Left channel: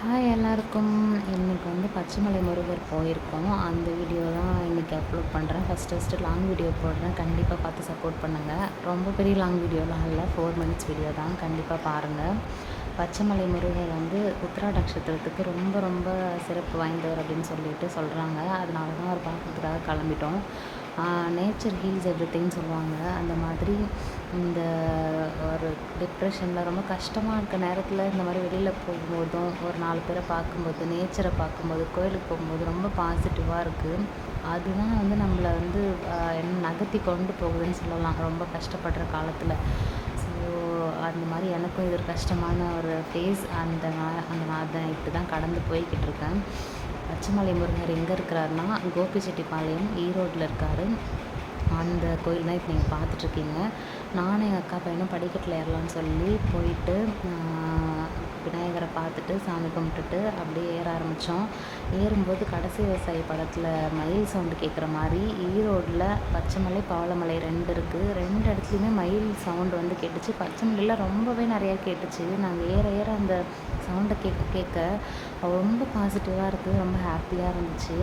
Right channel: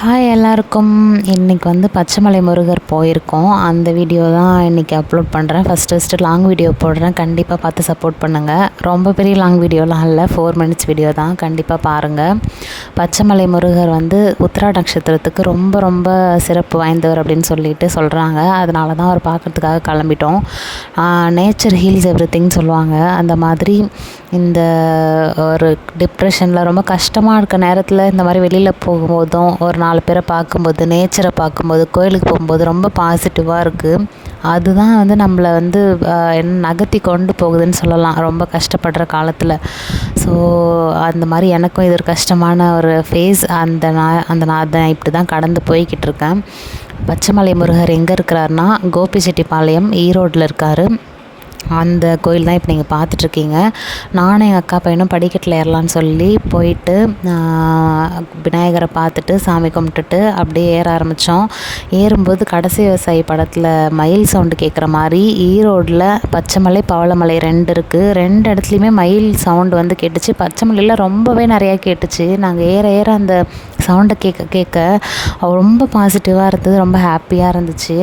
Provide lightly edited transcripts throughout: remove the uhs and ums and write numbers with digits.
Hi எல்லாருக்கும். இன்றைக்கி வந்து பச்சைமலை முருகர் போயிருக்கோம். அந்த வீடியோ தான் இன்றைக்கி அப்லோட் பண்ணுறேன். ஃபஸ்ட்டு லாங் வீடியோ போடுறேன். கண்டிப்பாக பார்த்து சப்போர்ட் பண்ணுங்கள். ரொம்ப பெரிய லாங் வீடியோலாம் இல்லை, 4 மினிட்ஸ் வீடியோ தான். கண்டிப்பாக பாருங்கள். பச்சைமலை முருகர் வந்து உத்திரா நட்சத்திரத்துக்கு ரொம்ப ரொம்ப சிறப்பு வாய்ந்தவர் அப்படின்னு சொல்லிட்டு சொல்கிறாங்க. அதனால தான் அவர் பார்க்குறதுக்காக கிளம்பிட்டோம். நேச்சர் ஹீல்ஸ் எவ்ரிதிங்னு சொல்லுவாங்க. அந்த மாதிரி இந்த ஒரு டிப்ரெஷனில் ரொம்ப கஷ்டமாக இருக்க நேரத்தில் இந்த மாதிரி வெளியில் போகும்போதும் ஒரு 4 பேரை பார்க்கும்போது, நேச்சரை பார்க்கும்போது, கோயிலுக்கு போகும்போது ரொம்ப பாசிட்டிவாக இருக்குது. அதுதான் வந்து நம்மளை வந்து நகர்த்தி கொண்டு போகுதுன்னு சொல்லலாம், ரொம்ப கஷ்டப்படுற காலத்தில். ஸோ அந்த மாதிரி எனக்கும் இது ஒரு கஷ்டமான ஒரு ஃபேஸ். அதை இப்படி தான் கடந்து போய்கிட்டு இருக்கேன். பச்சைமலை முருகர் எங்கே இருக்கிறாருன்னா கோபிச்செட்டிப்பாளையம், ஈரோட்டில் இருக்கார். அந்த கோயில் தான் இப்போ நீங்கள் பார்த்துட்ருக்கீங்க. நானும் எங்கள் அக்கா பையனும் படிக்கட்டில் ஏறலான்னு சொல்லி போயிட்டு விநாயகரை பார்த்துட்டு சாமி கும்பிட்டுட்டு அப்படியே ஏற ஆரம்பித்தோம். ஏறும்போது கடைசி விவசாயி படத்தில் மயில் சவுண்டு கேட்குற மாதிரி ஈரோடில் பச்சைமலை, பவளமலை 2 இருக்குது. 2 இடத்துலையுமே மயில் சவுண்டு வந்து கேட்டுச்சு. பச்சைமலையில் ரொம்பவே நிறையா கேட்டுச்சு. நாங்கள் ஏற ஏற அந்த சவுண்டை கேட்க ரொம்ப பாசிட்டிவாக இருந்தது, ரொம்ப ஹாப்பியாக இருந்துச்சு.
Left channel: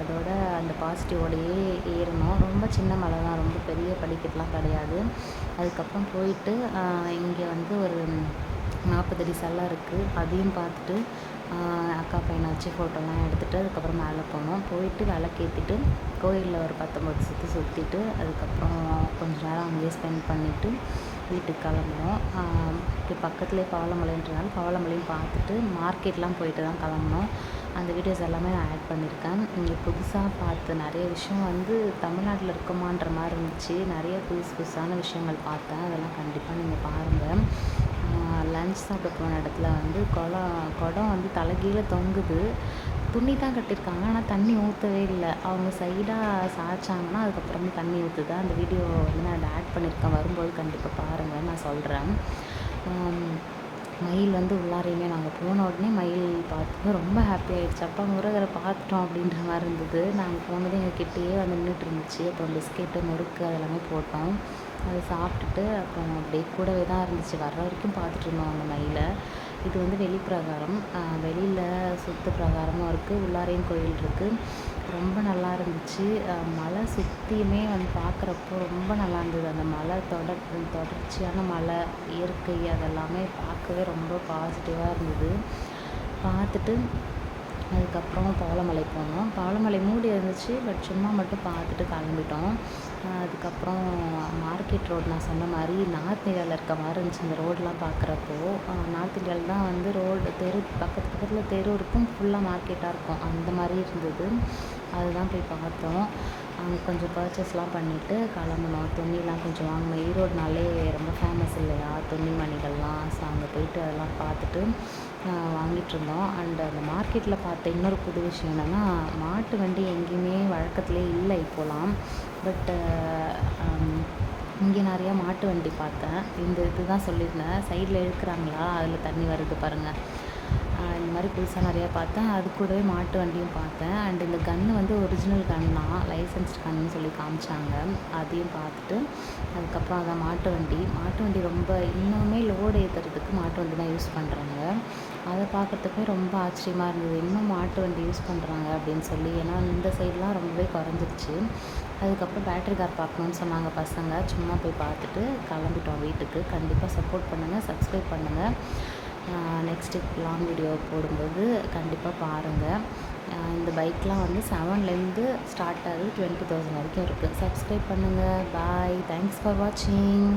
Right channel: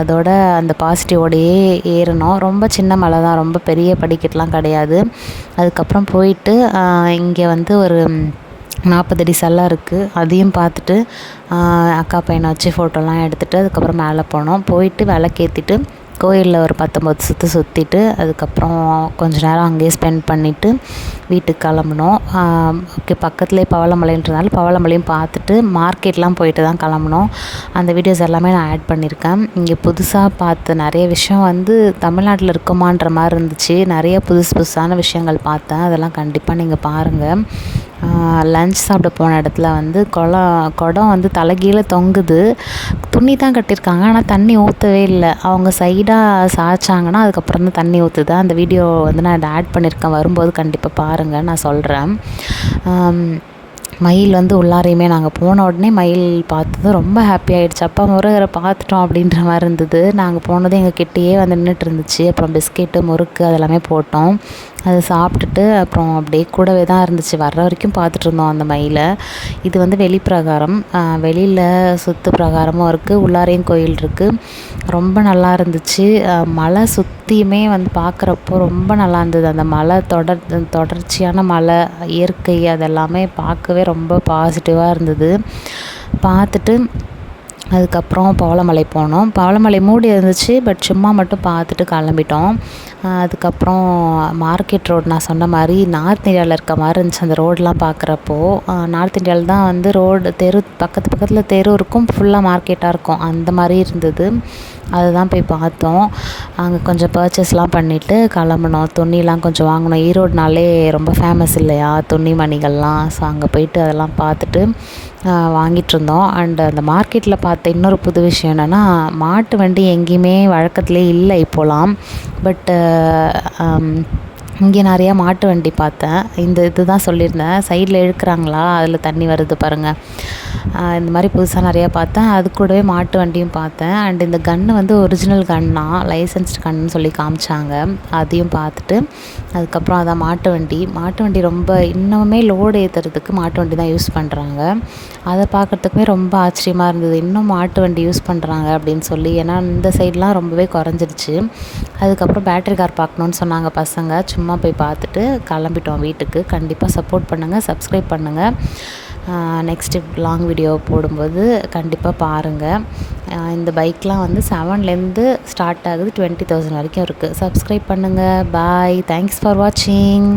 அதோட அந்த பாசிட்டிவோடையே ஏறினோம். ரொம்ப சின்ன மலை தான், ரொம்ப பெரிய படிக்கட்டுலாம் கிடையாது. அதுக்கப்புறம் போயிட்டு இங்கே வந்து ஒரு 40 அடி சல்லம் இருக்குது. அதையும் பார்த்துட்டு அக்கா பையனை வச்சு ஃபோட்டோலாம் எடுத்துகிட்டு அதுக்கப்புறம் மேலே போனோம். போயிட்டு விளக்கேற்றிட்டு கோயிலில் ஒரு 19 சுற்று சுற்றிட்டு அதுக்கப்புறம் கொஞ்சம் நேரம் அங்கேயே ஸ்பெண்ட் பண்ணிவிட்டு வீட்டுக்கு கிளம்புனோம். ஓகே, பக்கத்துலேயே பவளமலைன்றதுனால பவளமலையும் பார்த்துட்டு மார்க்கெட்லாம் போயிட்டு தான் கிளம்புனோம். அந்த வீடியோஸ் எல்லாமே நான் ஆட் பண்ணியிருக்கேன். இங்கே புதுசாக பார்த்த நிறைய விஷயம் வந்து தமிழ்நாட்டில் இருக்குமான்ற மாதிரி இருந்துச்சு. நிறைய புதுசான விஷயங்கள் பார்த்தேன். அதெல்லாம் கண்டிப்பாக நீங்கள் பாருங்கள். லன்ச் சாப்பிட போன இடத்துல வந்து குடம் வந்து தலைகீழ தொங்குது. துணி தான் கட்டியிருக்காங்க, ஆனால் தண்ணி ஊற்றவே இல்லை. அவங்க சைடாக சாய்ச்சாங்கன்னா அதுக்கப்புறம் தான் தண்ணி ஊற்றுது. அந்த வீடியோ வந்து நான் இதை ஆட் பண்ணியிருக்கேன். வரும்போது கண்டிப்பாக பாருங்கள், நான் சொல்கிறேன். மயில் வந்து உள்ளாரையுமே நாங்கள் போன உடனே மயில் பார்த்ததும் ரொம்ப ஹாப்பி ஆகிடுச்சு. அப்பா முருகரை பார்த்துட்டோம் அப்படின்ற மாதிரி இருந்தது. நாங்கள் போனதும் எங்கள் கிட்டேயே வந்து நின்றுட்டு இருந்துச்சு. அப்புறம் பிஸ்கெட்டு, முறுக்கு அதெல்லாமே போட்டோம். அதை சாப்பிட்டுட்டு அப்புறம் அப்படியே கூடவே தான் இருந்துச்சு. வர்ற வரைக்கும் பார்த்துட்ருந்தோம் அந்த மயிலை. இது வந்து வெளிப்பிரகாரம், வெளியில் சுற்று பிரகாரமும் இருக்குது, உள்ளாரையும் கோயில் இருக்குது. ரொம்ப நல்லா இருந்துச்சு. மலை சுற்றியுமே வந்து பார்க்குறப்போ ரொம்ப நல்லா இருந்தது. அந்த மலை தொடர்ச்சியான மலை, இயற்கை அதெல்லாமே பார்க்கவே ரொம்ப பாசிட்டிவாக இருந்தது. பார்த்துட்டு அதுக்கப்புறம் பவளமலை போனோம். பவளமலை மூடி இருந்துச்சு, பட் சும்மா மட்டும் பார்த்துட்டு கிளம்பிட்டோம். அதுக்கப்புறம் மார்க்கெட் ரோடு நான் சொன்ன மாதிரி நார்த் இந்தியாவில் இருக்க மாதிரி இருந்துச்சு. அந்த ரோடெலாம் பார்க்குறப்போ நார்த் இந்தியாவில் தான் வந்து தெரு பக்கத்தில் தெரு இருக்கும், ஃபுல்லாக மார்க்கெட்டாக இருக்கும், அந்த மாதிரி இருந்தது. அதுதான் போய் பார்த்தோம். அங்கே கொஞ்சம் பர்ச்சேஸ்லாம் பண்ணிவிட்டு கிளம்புனோம். துணிலாம் கொஞ்சம் வாங்கினோம். ஈரோடுனாலே ரொம்ப ஃபேமஸ் இல்லையா துணி மணிகள்லாம். ஸோ அங்கே போயிட்டு அதெல்லாம் பார்த்துட்டு வாங்கிட்டுருந்தோம். அண்ட் அந்த மார்க்கெட்டில் பார்த்த இன்னொரு புது விஷயம் என்னென்னா, மாட்டு வண்டி எங்கேயுமே வழக்கத்துலேயே இல்லை இப்போலாம். பட்டு இங்கே நிறையா மாட்டு வண்டி பார்த்தேன். இதுதான் சொல்லியிருந்தேன், சைடில் இழுக்கிறாங்களா, அதில் தண்ணி வருது பாருங்கள். இந்த மாதிரி புதுசாக நிறையா பார்த்தேன். அது கூடவே மாட்டு வண்டியும் பார்த்தேன். அண்ட் இந்த கன்று வந்து ஒரிஜினல் கன்னா, லைசன்ஸ்டு கன்னு சொல்லி காமிச்சாங்க. அதையும் பார்த்துட்டு அதுக்கப்புறம் அதான் மாட்டு வண்டி ரொம்ப இன்னுமே லோடு ஏற்றுறதுக்கு மாட்டு வண்டி தான் யூஸ் பண்ணுறாங்க. அதை பார்க்குறதுக்குமே ரொம்ப ஆச்சரியமாக இருந்தது, இன்னும் மாட்டு வண்டி யூஸ் பண்ணுறாங்க அப்படின்னு சொல்லி. ஏன்னா இந்த சைட்லாம் ரொம்பவே குறைஞ்சிருச்சு. அதுக்கப்புறம் பேட்டரி கார் பார்க்கணுன்னு சொன்னாங்க பசங்க. சும்மா போய் பார்த்துட்டு கிளம்பிட்டோம் வீட்டுக்கு. கண்டிப்பாக சப்போர்ட் பண்ணுங்கள், சப்ஸ்கிரைப் பண்ணுங்கள். நெக்ஸ்ட்டு லாங் வீடியோ போடும்போது கண்டிப்பாக பாருங்கள். இந்த பைக்லாம் வந்து 7லேருந்து ஸ்டார்ட் ஆகுது, 20,000 வரைக்கும் இருக்குது. சப்ஸ்கிரைப் பண்ணுங்கள். பாய், தேங்க்ஸ் ஃபார் வாட்சிங்.